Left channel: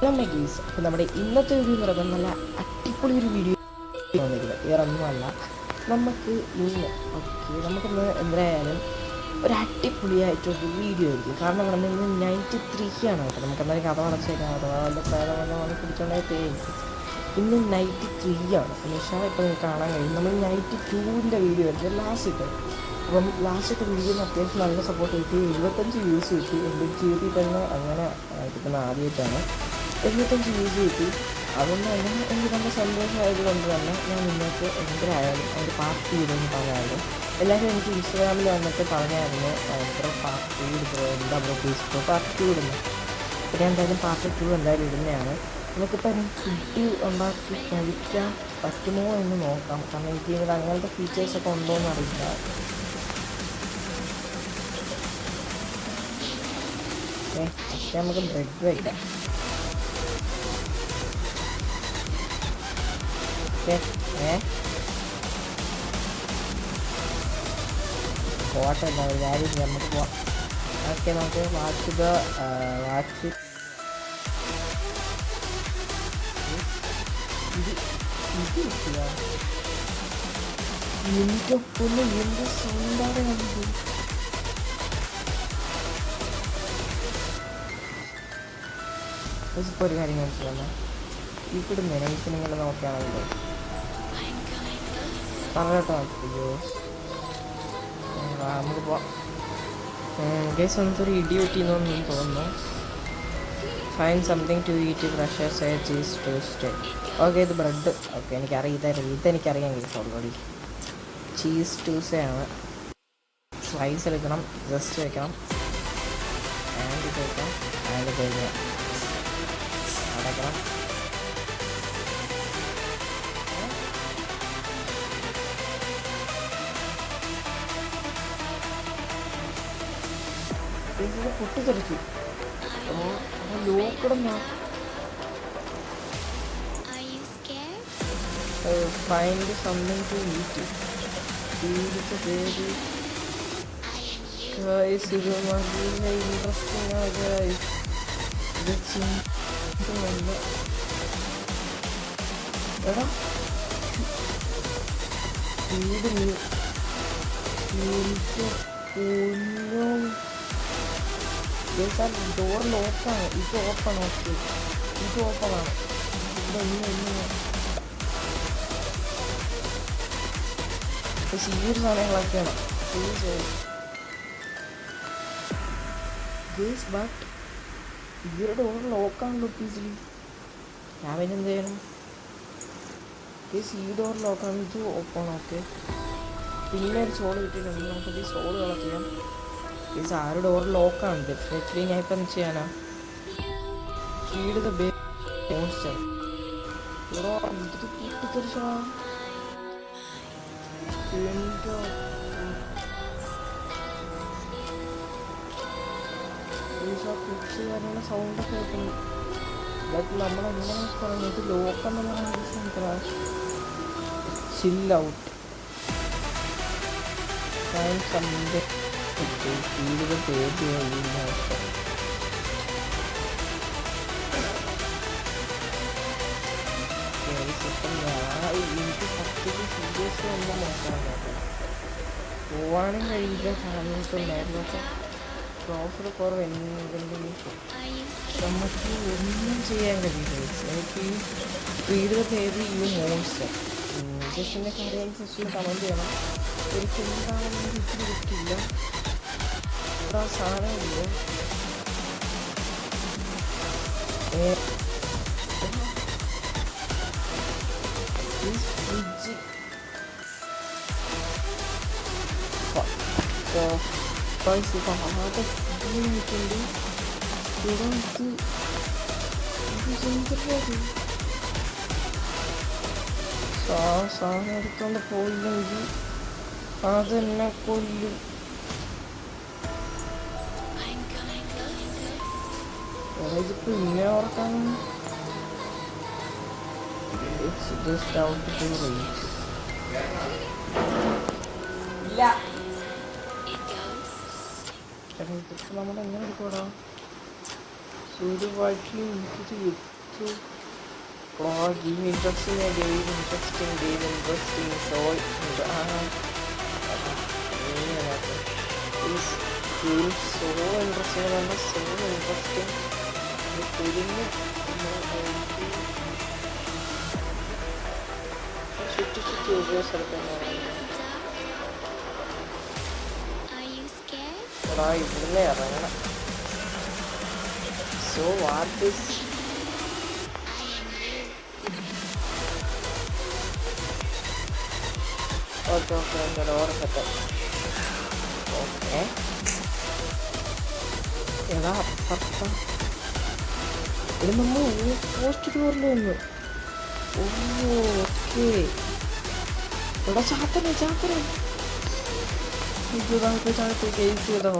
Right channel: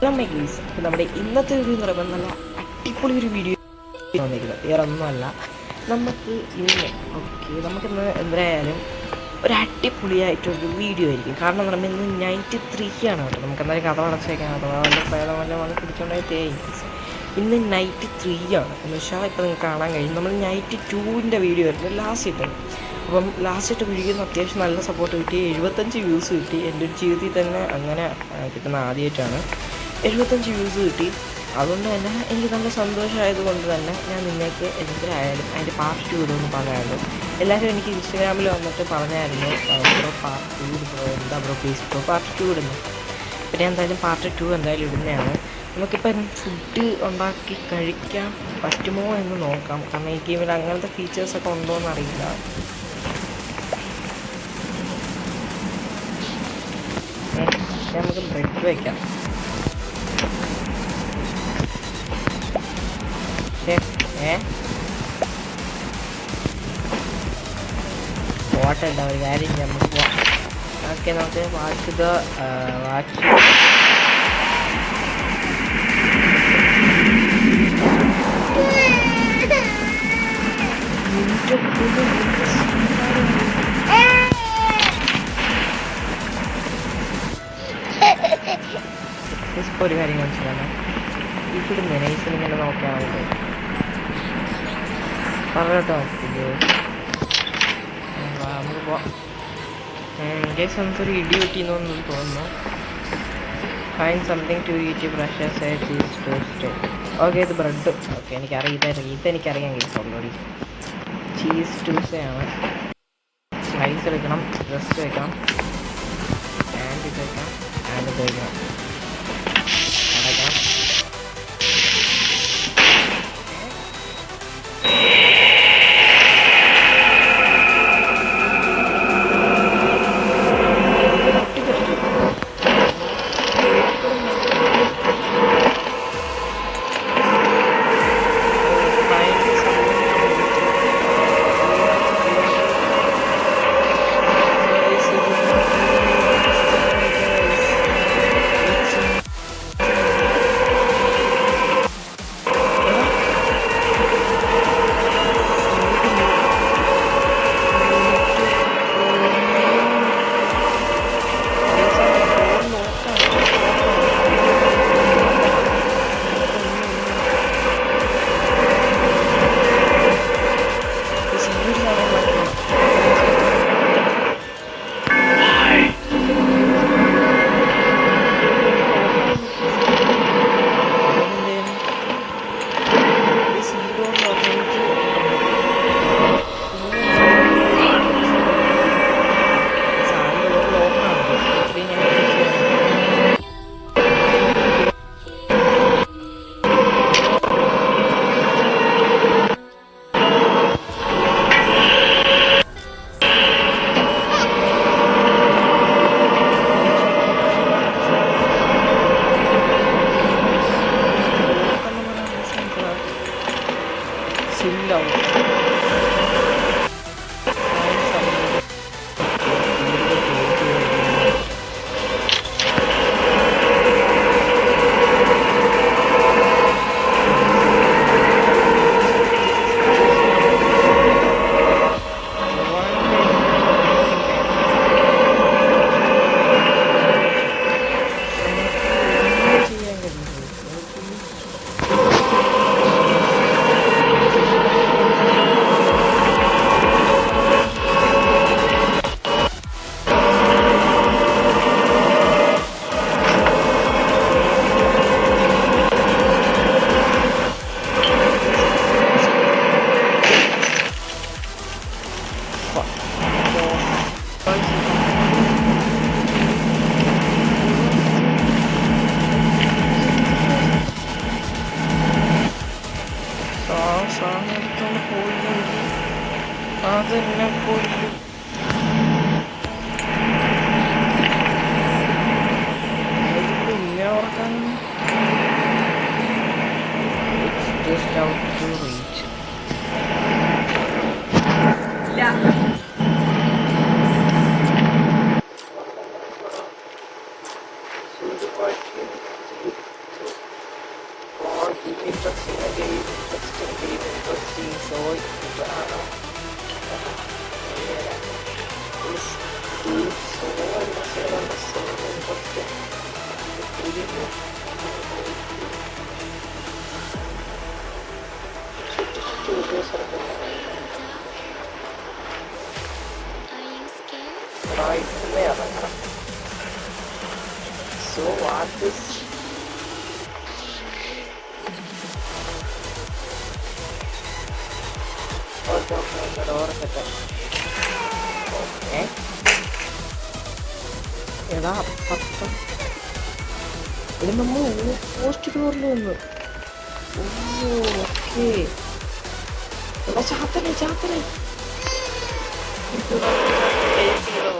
Guys, അപ്പോൾ നമ്മുടെ ഇന്നത്തെ വീഡിയോ എന്ന് പറയുമ്പോൾ നല്ല അടിപൊളി ഒരു വീഡിയോ വന്നിരിക്കുന്നത്. വേറെ ഒന്നുമല്ല, നമുക്കിന്ന് എന്തായാലും ഒരു അടിപൊളിയായിട്ടൊരു വീഡിയോ ആയിരിക്കും. കാരണം എന്ന് പറയുമ്പോൾ ഇന്ന് നൈറ്റ് 3 ആണ് കേട്ടോ. നമുക്ക് എന്തായാലും കഥ അടച്ചേക്കാം, അഥവാ വല്ല പ്രേതം വന്ന് പിടിച്ചോണ്ടായി. ഇന്ന് നൈറ്റ് 3 ആണ് എന്ന് വെച്ചാൽ ഇപ്പോൾ നിങ്ങൾക്ക് കാണാൻ കഴിയും. നമ്മൾ നൈറ്റ് 2ൻ്റെ വീഡിയോ ആയിരുന്നു ലാസ്റ്റ് ഇട്ടത്. അപ്പം ലാസ്റ്റ് ഇട്ട് വീഡിയോന്ന് അത്യാവശ്യം നല്ല സപ്പോർട്ട് കിട്ടി. 75 വ്യൂസ് കിട്ടി. എൻ്റെ ഒരു ജീവിതത്തിൽ തന്നെ അങ്ങനെ കിട്ടുന്ന ആദ്യമായിട്ടാണ് 75 വ്യൂസ് കിട്ടി. അതുകൊണ്ട് തന്നെ എനിക്ക് നല്ല സന്തോഷമായത് കൊണ്ട് തന്നെ ഞാൻ നിങ്ങൾക്ക് എന്തായാലും അതിൻ്റെ പാർട്ട് 2 ഇടുമെന്ന് പറഞ്ഞായിരുന്നു. എല്ലാവരും എനിക്ക് ഇൻസ്റ്റാഗ്രാമിൽ വന്നിട്ട് പറഞ്ഞായിരുന്നു, ബ്രോ പാർട്ട് 2 ബ്രോ, എന്താ ബ്രോ പ്ലീസ് ബ്രോ പാർട്ട് 2 ഇടുന്നു. പിന്നെ എന്തായാലും പാർട്ട് 2 എന്തായാലും ഇടുന്നതാണ്. നമുക്കിപ്പം ഫുഡ് ഉണ്ടാക്കി കഴിക്കാൻ പറ്റുമോ എന്ന് നോക്കാം. കാരണം ഈ ഗെയിമിൽ അങ്ങനത്തെ ഫീച്ചേഴ്സൊക്കെ ഉണ്ടോ എന്നറിയില്ല. പക്ഷേ നമുക്ക് ബ്രെഡ് വയ്ക്കാം. പോട്ടല്ല, ഒരു കാര്യം നമുക്ക് പോവാം. ഓക്കെ, നമുക്ക് വാച്ച് ഇപ്പോൾ ഒരു കാര്യം മനസ്സിലാണ്. ഇവിടെ നൈസിൽ ഇങ്ങനെ നോക്കിയാണല്ലോ പറഞ്ഞിട്ടോ. നമുക്ക് പോവാം. ഗേസ്, നമുക്കൊരു ഇടി പറ്റിയെന്നൊന്നും തോന്നുന്നു. Fine something to eat, pressure side cheese toast. Okay, ഇത് ബ്രെഡ്. ഓക്കെ, ഇതെനിക്കറിയാം ഗേസ് ഓൾറെഡി. ചീസ് ടൂസേ ആണ്. സ്ലൈസ് എടുക്കണം, ജസ്റ്റ് വയ്ക്കണം, ആൻഡ് ഇത് വയ്ക്കണം, ആൻഡ് ഇത് വയ്ക്കണം, അടയ്ക്കണം. ചില്ലാവും. സാധനം എടുത്തോണ്ട് പോയില്ലെങ്കിൽ അതെന്നെ കൊല്ലും. പിന്നെ ഓർക്കാൻ it's just out to reach. ഒരു വഴി എനിക്കിത് കിട്ടും. ഇൻട്രസ്റ്റിംഗ് സോ സോ ഇൻട്രസ്റ്റിംഗ് കണ്ട് സോ ഇൻട്രസ്റ്റിംഗ് തിരിഞ്ഞ് ചുറ്റി ചുറ്റി ഒരു സ്ഥലത്ത് ഇവിടുന്ന് ഇറങ്ങണം. So what okay door set. Okay എടാ അപ്പുറത്ത ഇത് നമ്മൾ പോസ്റ്റ് ഡോറിൽ വന്നു. ഓക്കെ എടാ ചാത്തനെ ചാത്തനെ ചെയ്തോ.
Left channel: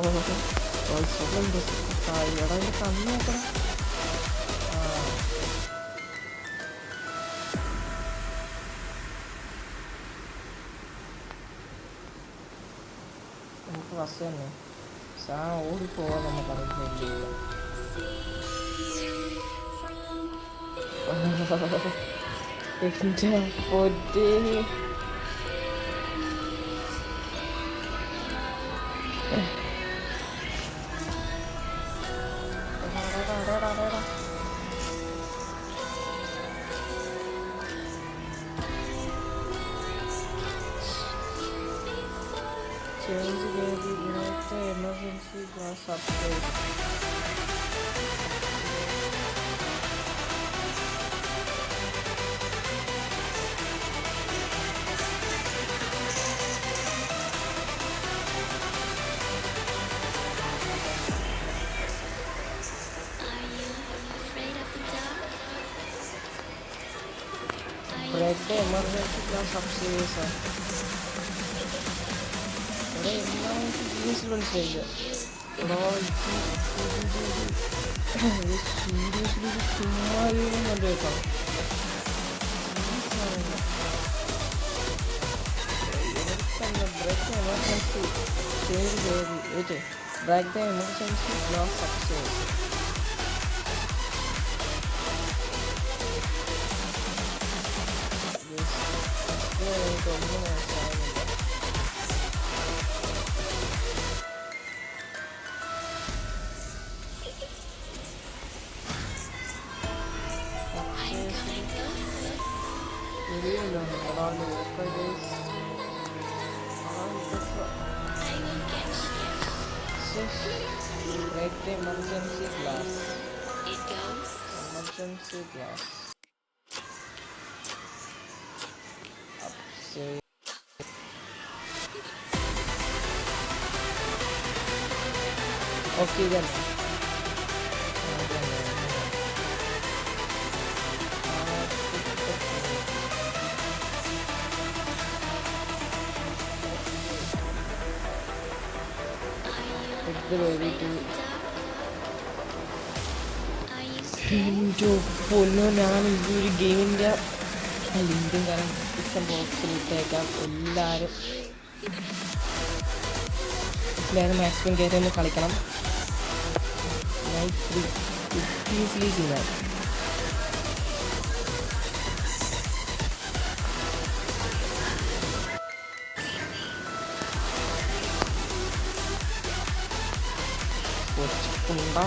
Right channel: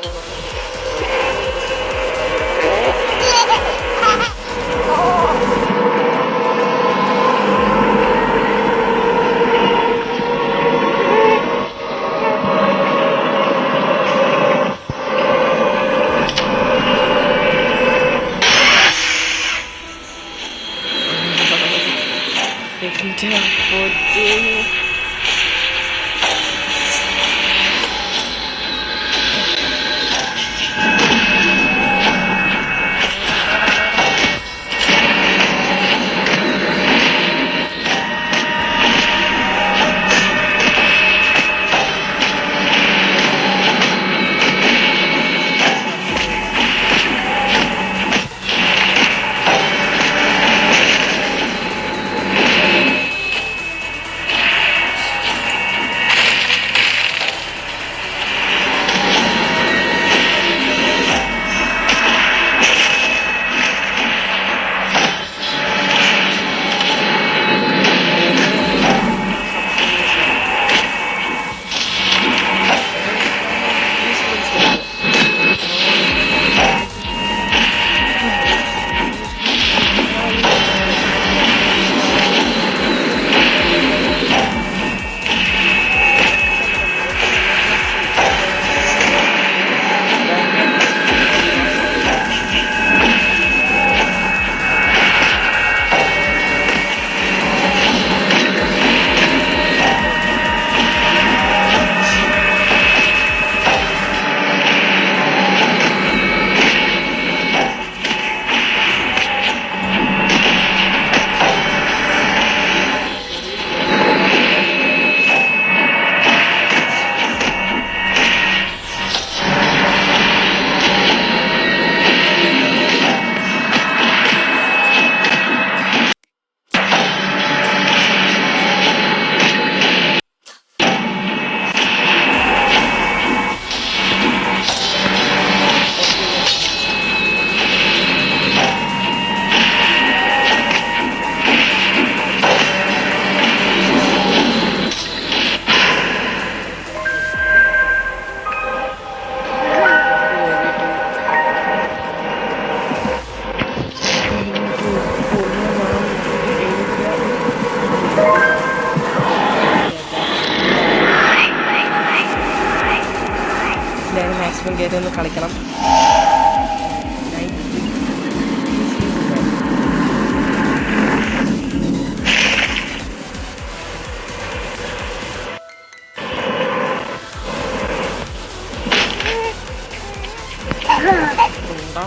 മാക്സിമം കയറി ഒന്ന് കളിക്കണം.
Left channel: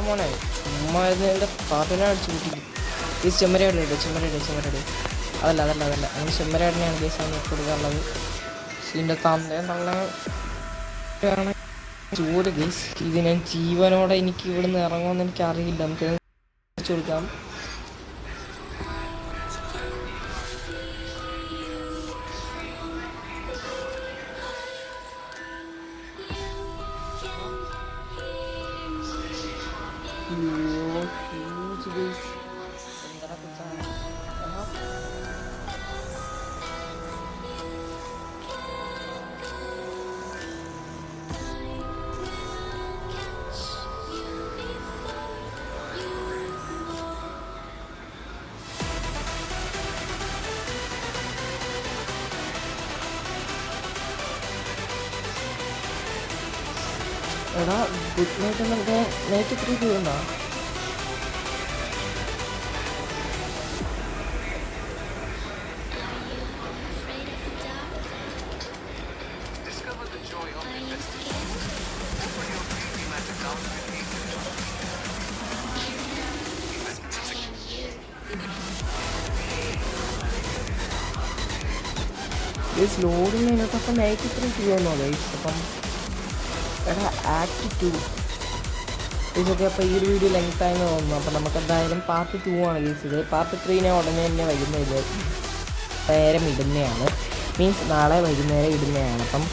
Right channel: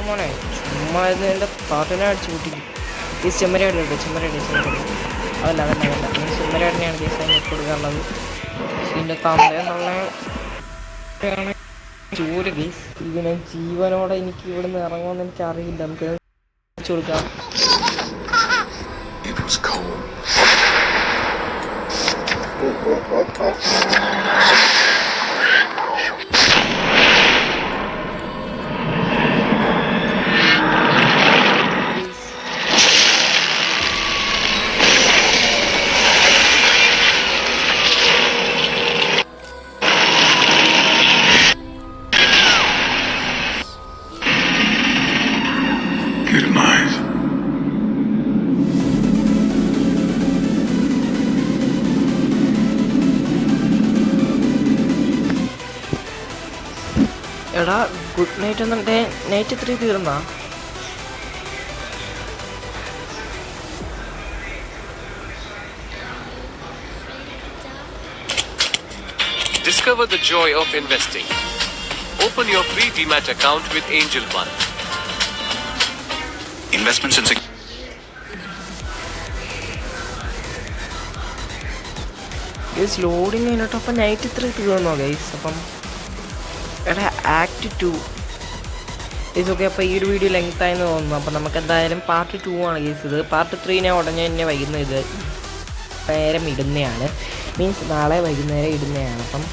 മോനെ ചുമ്മാ എൻ്റെ പാട്ടിനെ അടിച്ചു കൂട്ടിക്കും. ഈ ചെമ്മരയുടെ ഇട്ടു ചെമ്മരയുടെ അതല്ല അങ്ങനെ ചെമ്മരേടനെയാണ് കേസായി കൊടുക്കാറുള്ളത്. ഇതിൻ്റെ തന്തയെന്നുള്ള ജോലി ഗൈസ്. ഇത് ഞാൻ ജീവനോടെ എനിക്ക് ഇവിടുന്ന് ഇറങ്ങുമെന്ന് എനിക്ക് അറിയില്ല. നമുക്ക് വെച്ചു കൊടുക്കാം. എടാ ഗുഡ് നൈറ്റ് എന്നുണ്ടെ നൈറ്റ് 3 തീർന്നാ? Discover the joy of investing. Open your free Demat account with Angel One. Investments in guys loading കഴിഞ്ഞിട്ട് അപ്പം നൈറ്റ് 3 തീർന്നോ ഗൈസ്? അപ്പം എടാ ആക്ട് 2 ഗൈസ്. ഓക്കെ, അപ്പോൾ ഈ ഒരു വീഡിയോ ലെങ്ത് ആയെന്ന് തോന്നുന്നു. അപ്പം നമുക്ക് എന്തായാലും പാർട്ട് 2 ആണ് ഗൈസ് ഇത്. പാർട്ട് 3 ഞാൻ ഉടനെ തന്നെ വൈകുന്നേരം ഇടുന്നതാണ്. മീൻസ് നാളെ വൈകുന്നേരം ഇടുന്നതാണ്. അപ്പം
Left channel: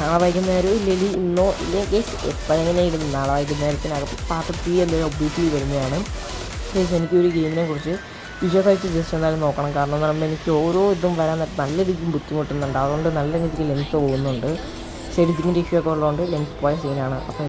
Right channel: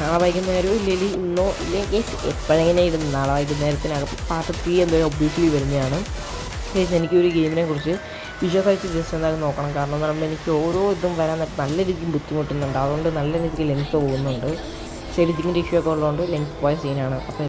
നാളെ വൈകുന്നേരം ഇല്ലെങ്കിൽ ഇന്നോ ഇല്ലെങ്കിൽ ഗൈസ് എപ്പോഴെങ്ങനെ ഇടുന്നു. നാളെ വൈകുന്നേരത്തിനകം പാർട്ട് 3 എന്തായാലും ഒബ്വിയസ്ലി വരുന്നതാണ് ഗൈസ്. എനിക്കൊരു ഗെയിമിനെ കുറിച്ച് വിശ്വസിച്ച് ജസ്റ്റ് എന്തായാലും നോക്കണം. കാരണം എന്ന് പറയുമ്പോൾ എനിക്ക് ഓരോ ഇതും വരാൻ നല്ല രീതിക്ക് ബുദ്ധിമുട്ടുന്നുണ്ട്. അതുകൊണ്ട് നല്ല രീതിക്ക് ലെങ്ത്ത് പോകുന്നുണ്ട്. എഡിറ്റിങ്ങിൻ്റെ ഇഷ്യൂ ഒക്കെ ഉള്ളതുകൊണ്ട് ലെങ്ത്ത് പോയ സീനാണ്. അപ്പോൾ